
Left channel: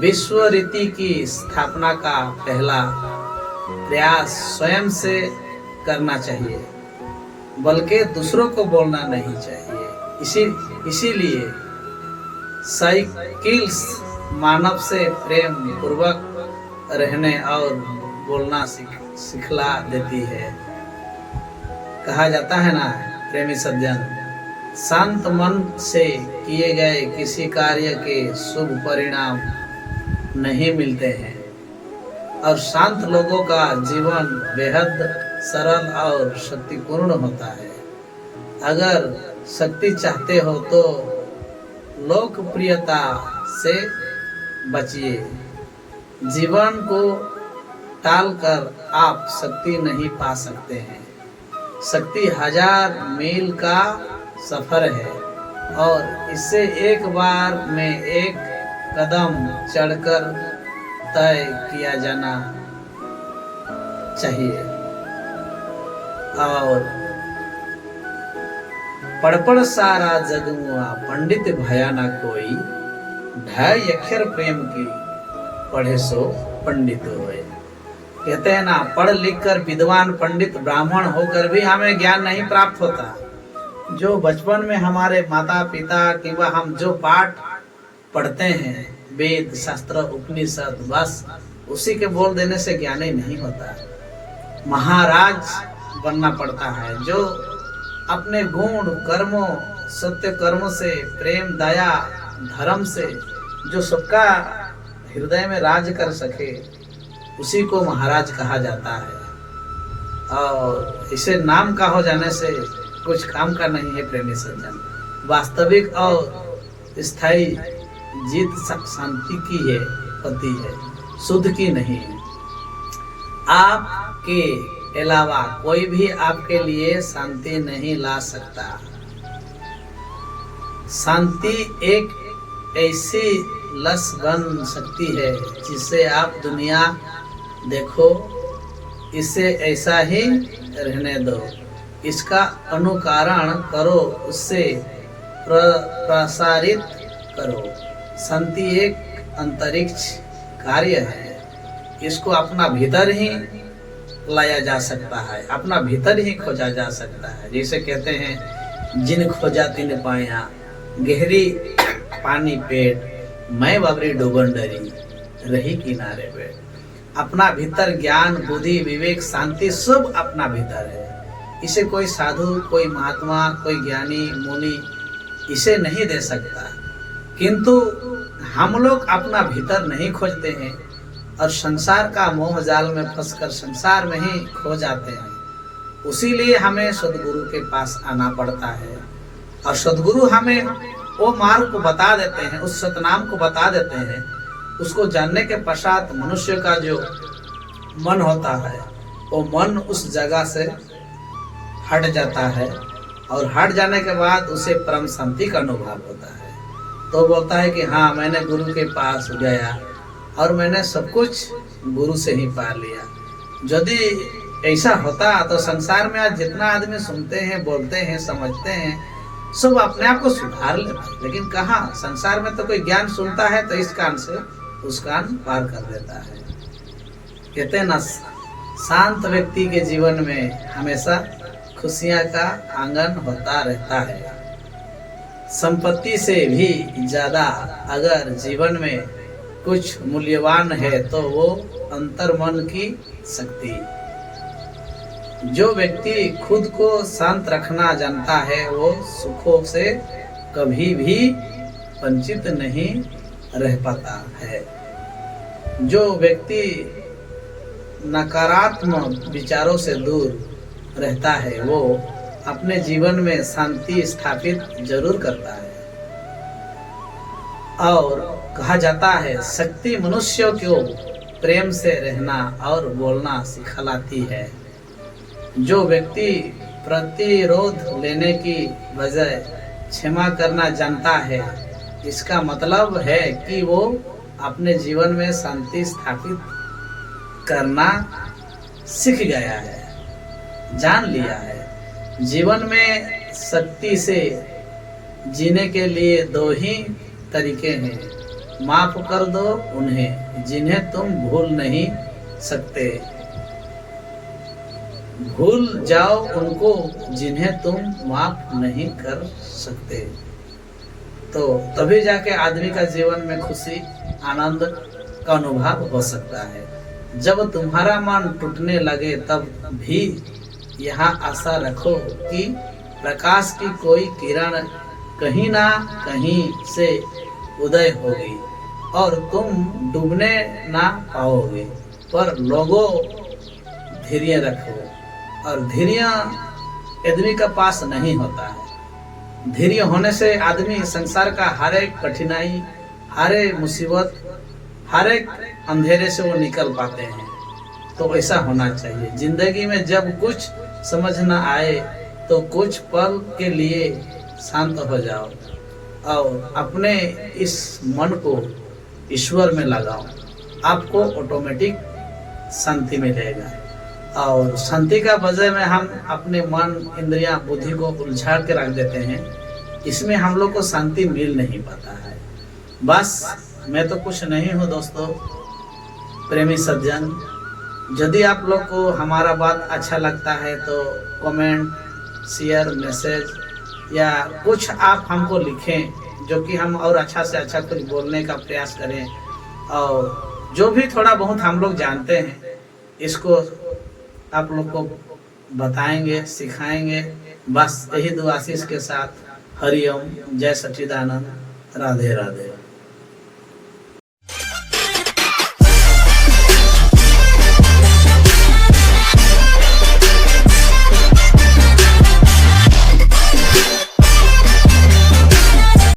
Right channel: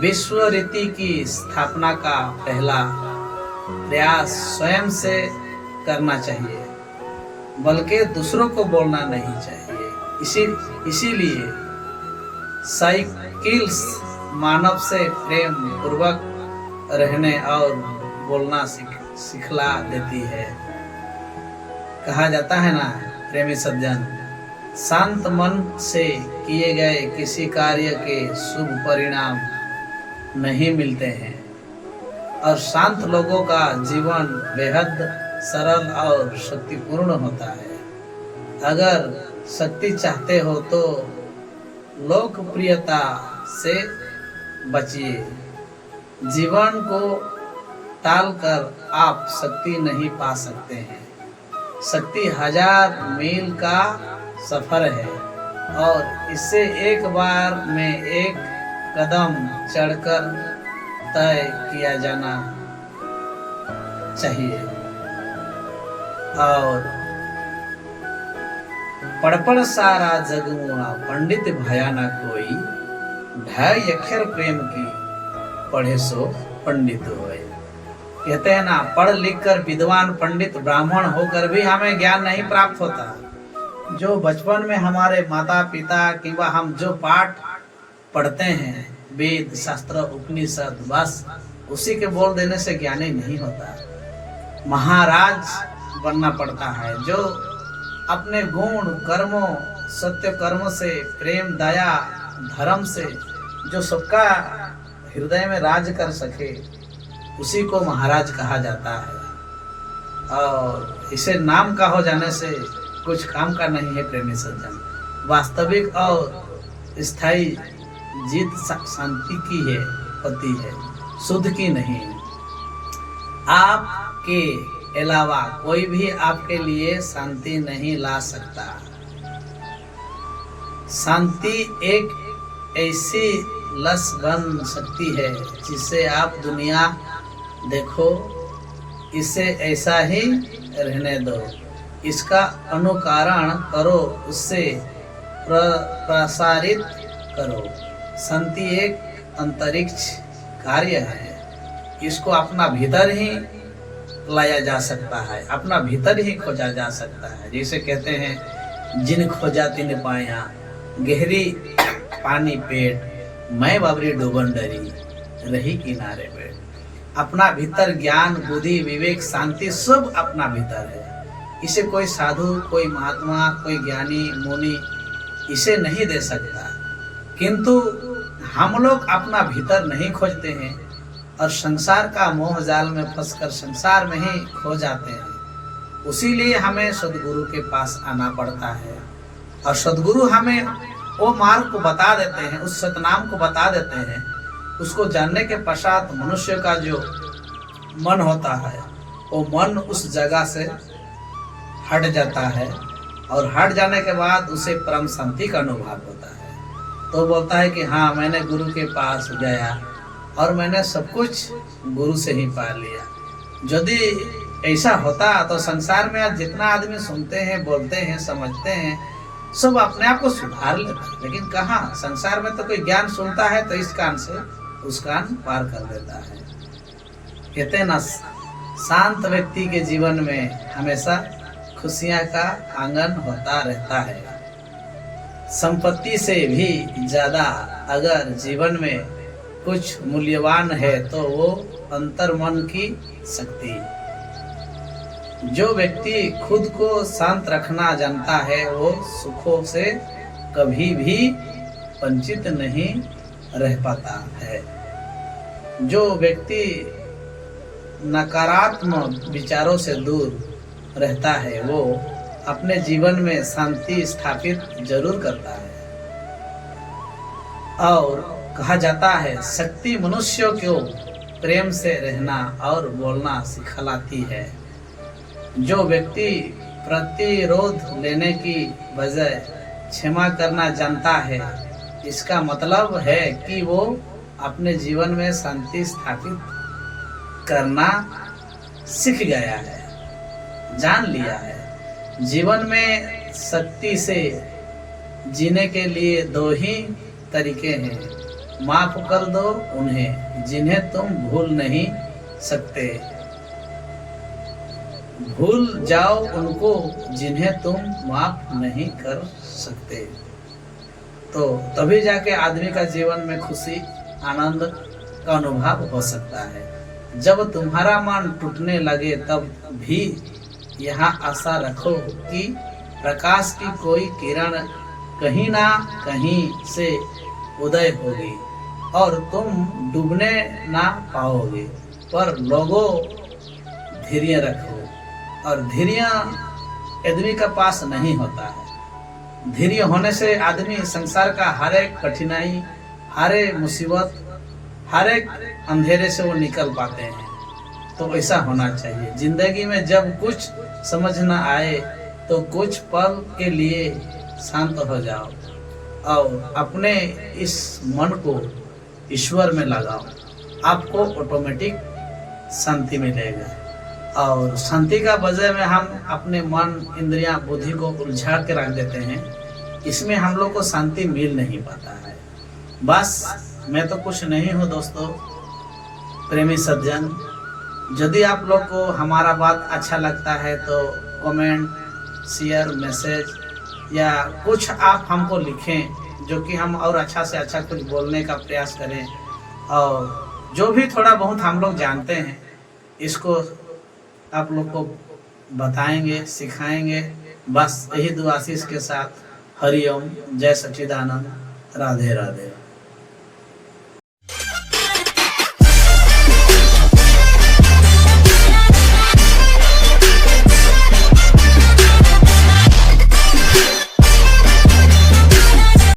विश्व रीति की स्थापना का पहला प्रयास स्वयं से करना चाहिए, बल्कि दूसरों को बोलना नहीं चाहिए। इसीलिए साइकिल्स मानव से प्रेम पूर्वक रहने और बोलना सिखला देती है। कहा जाता है ना, प्रेमी सज्जन, शांत मन से किए गए किसी कार्य के शुभ परिणाम नहीं मिलते हैं, और शांत लोगों का जीवन बेहद सरल और शक्तिपूर्ण होता है। अगर शक्ति चाहते हो तो लोकप्रियता से बचिए। जीवन को टालकर आप शक्ति नहीं पा सकते हैं। शक्ति 1000 मील का सफर है और इससे एक बार में एक कदम चढ़कर तय किया जाना चाहिए। और पड़पड़ सारा जगुआ पंडित भया ना कोई, 2.5 अक्षर प्रेम की पढ़े सो पंडित होए। कहते हैं ना, पढ़ लिख कर विद्वान पंडित ब्राह्मण होकर भी हमें ज्ञान नहीं प्राप्त होता। जो बचपन में हमारे माता पिता किंवा हम जो पाठ पढ़ते हैं, वेद शास्त्र उपनिषद, बस उसी के बोल देने से ज्ञानी नहीं होता। महाराज बनना पड़ता है, जो अपने गुण कर्मों, सत्य कर्मों से, प्रेम दया धर्म से जो सबका हृदय में राज कर सके, उसी को महाराज कहा जाता है। और इसे नाम का हो जाने से कुछ काम का नहीं है प्रेमी सज्जन। वास्तविक और स्थायी जीत शांति की है, होती है, शुद्ध की नहीं। आपके अलावा कोई भी आपके लिए शांति नहीं ला सकता। शांति एक ऐसी लस बन सकती है जिसे आप दुनिया देखो, इसे ऐसा ही रहने दो, इसका अनुकरण करो, उससे प्रसारित करो। शांति एक अंतरिक्ष कार्य है, इसको अपना भीतर ही लाया जा सकता है, अपना भीतर ही खोजा जा सकता है। जैसे कहते हैं, जिन खोजा तिन पाया, गहरी पानी पेट, मैं बबरी डूबन डरी, रही किनारे पे। अपना भीतर ज्ञान, बुद्धि, विवेक, शांति सब अपना भीतर है। इसे कोई साधु, कोई महात्मा, कोई ज्ञानी मुनि इसे नहीं दे सकता। किंतु हम लोग अपना भीतर नहीं खोजते हैं और संसार का मोह जाल में फंसकर संसार में ही खो जाते हैं। उसीलिए हमें सदगुरु के पास आना पड़ता है और सदगुरु हमें वो मार्ग को बता देते हैं, उस सतनाम को बता देते हैं। उसको जानने के पश्चात मनुष्य का जो मन होता है वो मन उस जगह से हट जाता है और हट जाने के बाद उसे परम शांति का अनुभव होता है। तो बोलता है कि हाँ, मैंने गुरु के पास गया और मैंने सब कुछ गुरु से ही पा लिया। यदि ऐसा होता तो संसार में आज जितना आदमी सुनते हैं, बोलते हैं, समझते हैं, सब अपने आप को सुधार लेते। लेकिन कहाँ, संसार में तो कोई ज्ञान सुनता है तो इस कान से उस कान पार कर देता है। कहते हैं ना, शांत व्यक्ति के जीवन में हमेशा खुशियां का आंगन होता रहता है। संपत्ति से भी ज्यादा अगर जीवन में कुछ मूल्यवान है तो वो अंतर्मन की शक्ति। जो व्यक्ति खुद को शांत रखना जानता है वो सुखों से कभी भी वंचित नहीं रह पाता है। जो व्यक्ति नकारात्मक विचारों से दूर रहता है वो अपने जीवन में शांति स्थापित जरूर करता है। और कहा जाता है, शक्ति मनुष्य को प्रेम से रहना और बोलना सिखलाती है। जो व्यक्ति प्रतिरोध लेने की बजाय क्षमा करना जानता है, इसका मतलब है कि वो अपने जीवन में शांति स्थापित करना सीख गया है, जान लिया है। जीवन में शक्ति से जीने के लिए दो ही तरीके हैं, माफ कर दो उन्हें जिन्हें तुम भूल नहीं सकते, भूल जाओ उनको जिन्हें तुम माफ नहीं कर सकते। तो तभी जाके आदमी का जीवन में खुशी, आनंद का अनुभव हो सकता है। जब तुम्हारा मन टूटने लगे तब भी यहाँ आशा रखो कि प्रकाश की कोई किरण कहीं ना कहीं से उदय होगी और तुम डूबने ना पाओगे। पर लोगों, धैर्य रखो। और धैर्य आदमी का पास नहीं होता है। धैर्य होने से आदमी संसार का हर एक कठिनाई, हर एक मुसीबत, हर एक अंधेरे से वो निकल पाते हैं। तो ऐसा होना चाहिए। जिंदगी में जब कुछ समझ न आए तो कुछ पल के लिए शांत हो जाओ और अपने इस मन को ईश्वर में लगाओ, आपको ऑटोमेटिक शांति मिलेगा। और शांति का वजह में हम अपने मन, इंद्रियां, बुद्धि को उलझा के रख देते हैं, इसमें हम लोग को शांति मिल नहीं पाता है। बस मैं तो कुछ नहीं हूँ दोस्तों, प्रेमी सज्जन। यदि आप लोग को हमारा बात अच्छा लगता है तो कमेंट, शेयर, मैसेज या कुछ आप हमको लिखें, जो कि हम और अच्छा से अच्छा कुछ बोलने का प्रयास करें। और जो भी थोड़ा बहुत हम लोग जानते हैं इसको आप लोग को बताएंगे, सिखाएंगे। बस यही दुआ आशीष के साथ हरिओम, जय सच्चिदानंद, राधे राधे।